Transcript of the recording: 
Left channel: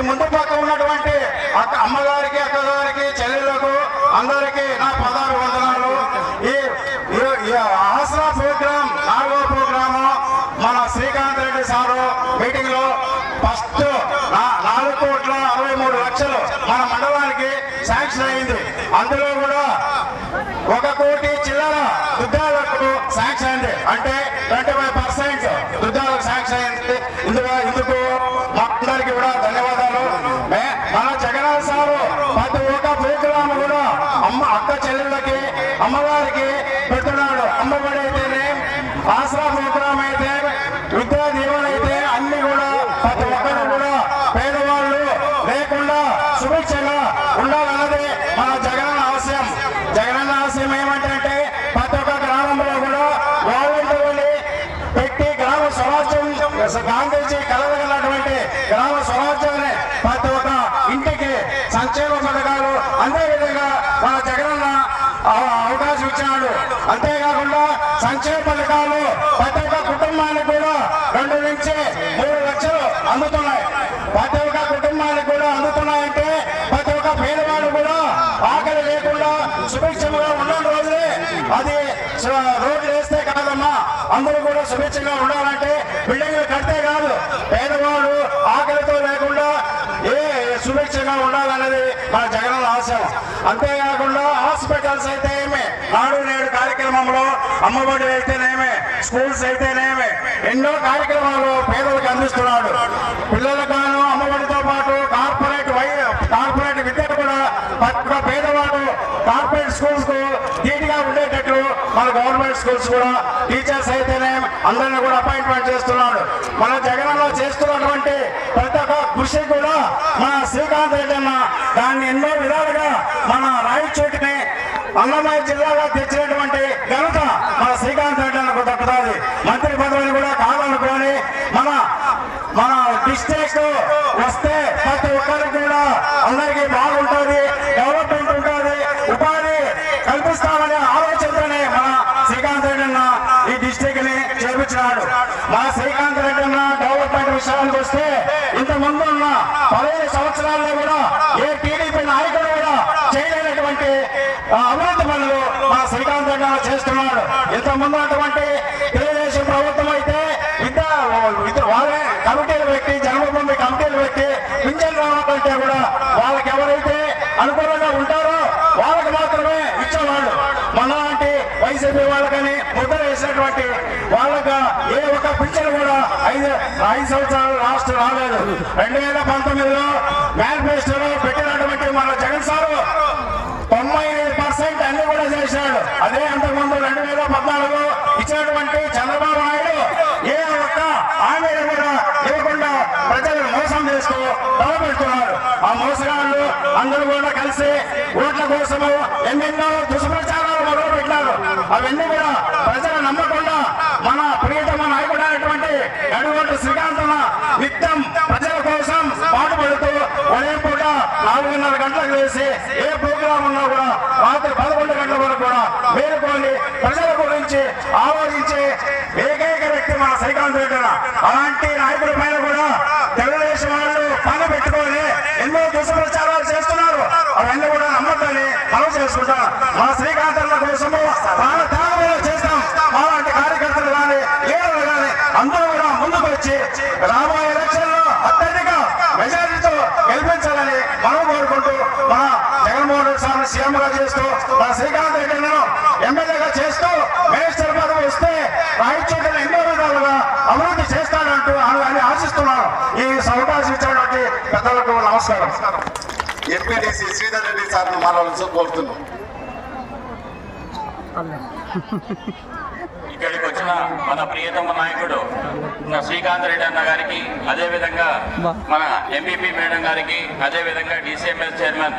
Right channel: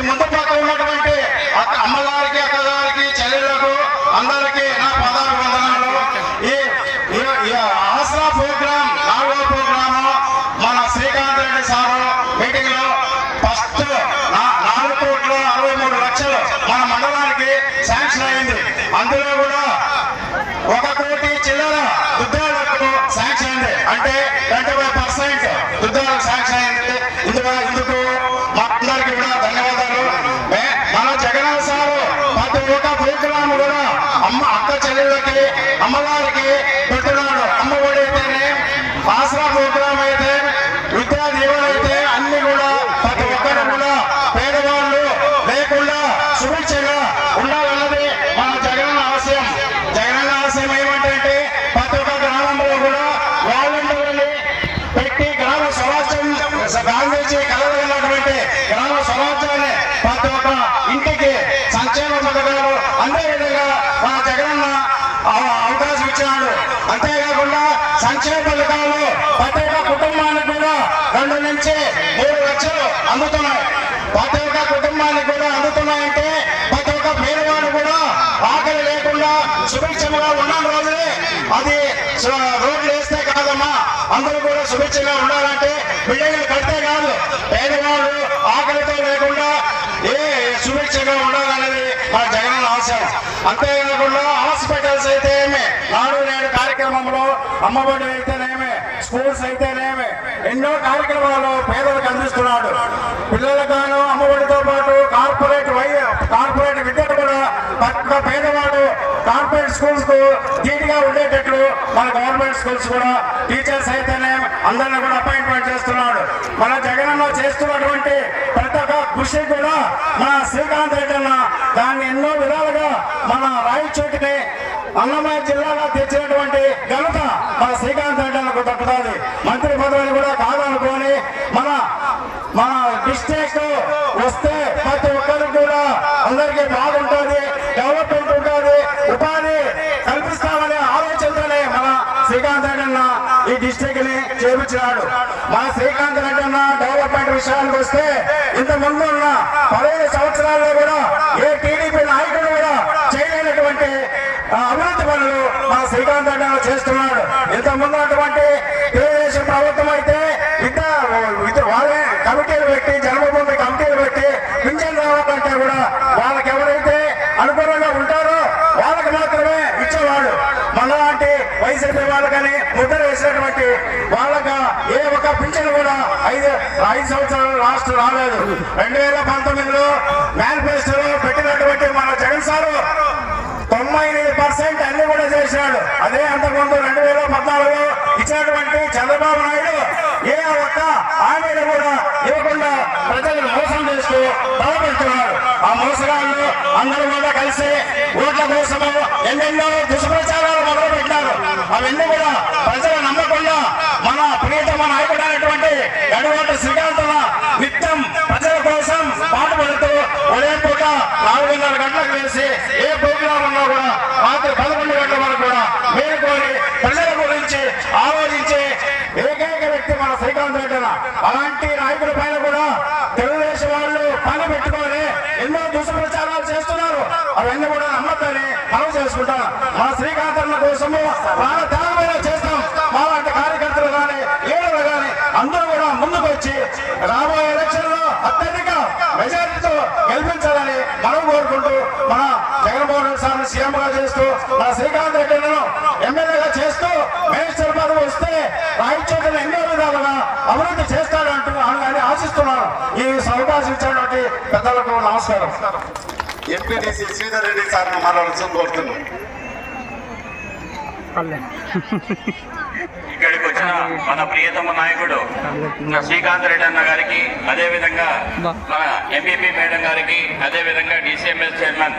ఈ ముందు పక్క ఉన్నటువంటి అక్క అమ్మగారికి అక్కగారికి చెల్లెలకు అందరికీ నా పదాలు వందనాలు ఈ ఆసరా ప్రోగ్రామ్ నాలుగో ప్రోగ్రామ్ మన శ్రీకాంత్ రెడ్డి సార్ మీటింగ్లో ఫస్ట్ నాలుగు కోట్ల అరవై మూడు లక్షలు మన మండలానికి శాంక్షన్ అయింది. అందులో కూడా ఒక కోటి చిల్లర దుద్దాలకు శాంక్షన్ అయింది. అంటే ట్వంటీ ఫైవ్ పర్సెంట్ దుద్దాలకు శాంక్షన్ అయింది. ఇందుకు ఇందుకు మా అందరికీ కూడా ధన్యవాదాలు మే- మన జగన్ సారు ప్రతి ఒక్క ప్రోగ్రామ్ కూడా అమ్మ అక్క చెల్లెళ్ళకి అమ్మవారికి పెట్టినాడు అమ్మఒడి అయితేనే ఆసరా ప్రోగ్రామ్ అయితే విద్యా దీవెన అయితే అన్ని కూడా ప్రతి ఒక్కరు కూడా పేదవాళ్ళు లేకుండా సుభిక్షంగా ఉండాలన్నది మన జగన్ ఆశయం. జగన్ ఆశయం ఏమంటే ప్రతి ఒక్క గ్రామంలో కూడా వాలంటీర్ని పెట్టి గ్రామ స్వరాజ్యం గాంధీజీ కలగలిగినటువంటి గ్రామ స్వరాజ్యాన్ని ప్రతి ఒక్క ఇంటికి సంక్షేమ పథకాలు అందే విధంగా మన జగన్ అవకాశం ఇచ్చినాడు అంతేకాకుండా సంక్షేమ పథకాలు ప్రతి ఒక్క కుటుంబానికి కూడా రెండు నుంచి మూడు లక్షలు అందుతున్నాయి. ప్రతి ఒక్క కుటుంబానికి కూడా అందుతున్నాయంటే ప్రతి ఒక్క పేదవాడు కూడా ఆకలి లేకుండా సుభిక్షంగా ఉన్న రోజులే. అది రోడ్లు వేస్తే కాదమ్మా అందరూ కూడా సుభిక్షంగా ఉండాలంటే బిల్డింగ్లు కడితే కాదు. పేదవాడు ఆకలితో లేకుండా ఏ సుభిక్షంగా ఉండాలనేది మన జగన్ ఆశ అంతేకాకుండా హాస్పిటల్స్ అయితే అమ్మఒడి అయితేనేమే స్కూల్స్ అయితేనేమే ఎన్నో కార్యక్రమాలు పేదలకు అందిస్తున్నాడు. పిల్లలకు గాను అమ్మఒడితో పాటు కార్పొరేట్ వై కార్పొరేట్ విద్యను కూడా పక్క పేదవాడు కార్పొరేట్ స్కూల్స్కు ధీటుగా ఉండేటట్లు మన గవర్నమెంట్ స్కూల్స్ కూడా టీచర్స్ అయితేనే అందరిని కూడా అపాయింట్మెంట్ చేస్తున్నాడు మన జగన్ చేస్తున్నటువంటి ప్రతి ఒక్క కృషి కూడా మన శ్రీకాంత్ రెడ్డి అన్న దాన్ని ఎన్నో విధాలుగా మన రాయచోటిని అన్నమయ్య జిల్లాలో తెచ్చినటువంటి ఘనత మన శ్రీకాంత్ రెడ్డి అన్నకు దక్కుతుంది మంత్రి పదవిని కూడా కాదనుకొని మన మన డిస్ట్రిక్ట్ వస్తే ప్రతి ఒక్కరికి కూడా అందరికీ బాగుంటుంది డెవలప్మెంట్ ఉంటుంది. ఉపాధి కల్పిస్తామనే ఆలోచనతోనే మన శ్రీకాంత్ రెడ్డి అన్న ఈ డిస్ట్రిక్ట్ని చేపించినాడు. మన శ్రీకాంత్ రెడ్డి అన్న డెవలప్మెంట్ విషయానికి వస్తే ఇంతమంది ఉన్న పదహైదు సంవత్సరాల్లో కూడా ఏ టీడీపీ నాయకుడు కూడా చేయలేనటువంటి ఆ, అభివృద్ధి పనులు మన శ్రీకాంత్ రెడ్డి అన్న చేస్తున్నాడు ఇంతమంది ఉన్నటువంటి తెలుగుదేశం ప్రభుత్వం అయితే విద్య విద్య వారే కమిటీలు పెట్టి జన్మభూమి కమిటీలు పెట్టి పింఛన్ రావాలంటే కూడా వాళ్ళకి ఎవరైతే అనుకూలంగా ఉంటారో వాళ్ళకి మాత్రమే ఇచ్చేవాడు మనలాంటి వైసీపీ వాళ్ళకని నిద్ర వేసినటువంటి వాళ్ళకు ఏ ఒక్క పింఛన్ కూడా ఐదు ఐదు సంవత్సరాలు రాలేదు. రెండు వేల పంతొమ్మిదిలో మేనిఫెస్టోలో పెట్టినటువంటి మన జగన్ సార్ తొంభై ఎనిమిది పర్సెంట్ అన్ని కూడా చేశాడు. అదే అంతకుముందు రెండు వేల పద్నాలుగులో ఇచ్చినటువంటి చంద్రబాబు నాయుడు ఏ ఒక్క హామీలు కూడా లేకుండా ప్రజలు మోసం చేస్తూ బలపడుతున్నారు ఆ మోసగాళ్ళు అందరూ కూడా కలిసి ఓట్ల కోసము ఎన్నెన్నో దుష్ప్రచారాలు మొదలు పెట్టారు అవన్నీ కూడా ప్రజలు నమ్మకుండా మన ప్రియతమ నాయకుడు అయినటువంటి గడివంటి శ్రీకాంతన నిత్యం ప్రజల కోసం పాటుపడుతూ ఒకే పూట నాలుగున్నర గంటలకు వేసి ఏ ప్రోగ్రాం ఉన్నా కూడా రాత్రి పదకొండు గంటల వరకు కూడా మేలుకొని ప్రజల గురించి ఆలోచించే ఏకైక వ్యక్తి మన శ్రీకాంత్ రెడ్డి అలాంటి నాయకుడి పైన కూడా తెలుగుదేశం వాళ్ళు పని పెట్టుకొని ఎన్నో దుష్ప్రచారాలు చేస్తున్నారు. అవన్నీ కూడా నమ్మకాన్ని మనం చేసుకుంటాం. మన శ్రీకాంత్ అన్న ఎంపీటీసీ శ్రీధర్ రెడ్డి సార్ మాట్లాడాల్సి కోరుతున్నాం. ఇక్కడికి వచ్చిన మన ప్రియతమ నాయకుడు శ్రీకాంత్ రెడ్డి అన్న గారికి అదే విధంగా మన ఎంపీపీ మేడం గారికి అదే విధంగా డిసిఎంఎస్ చైర్మన్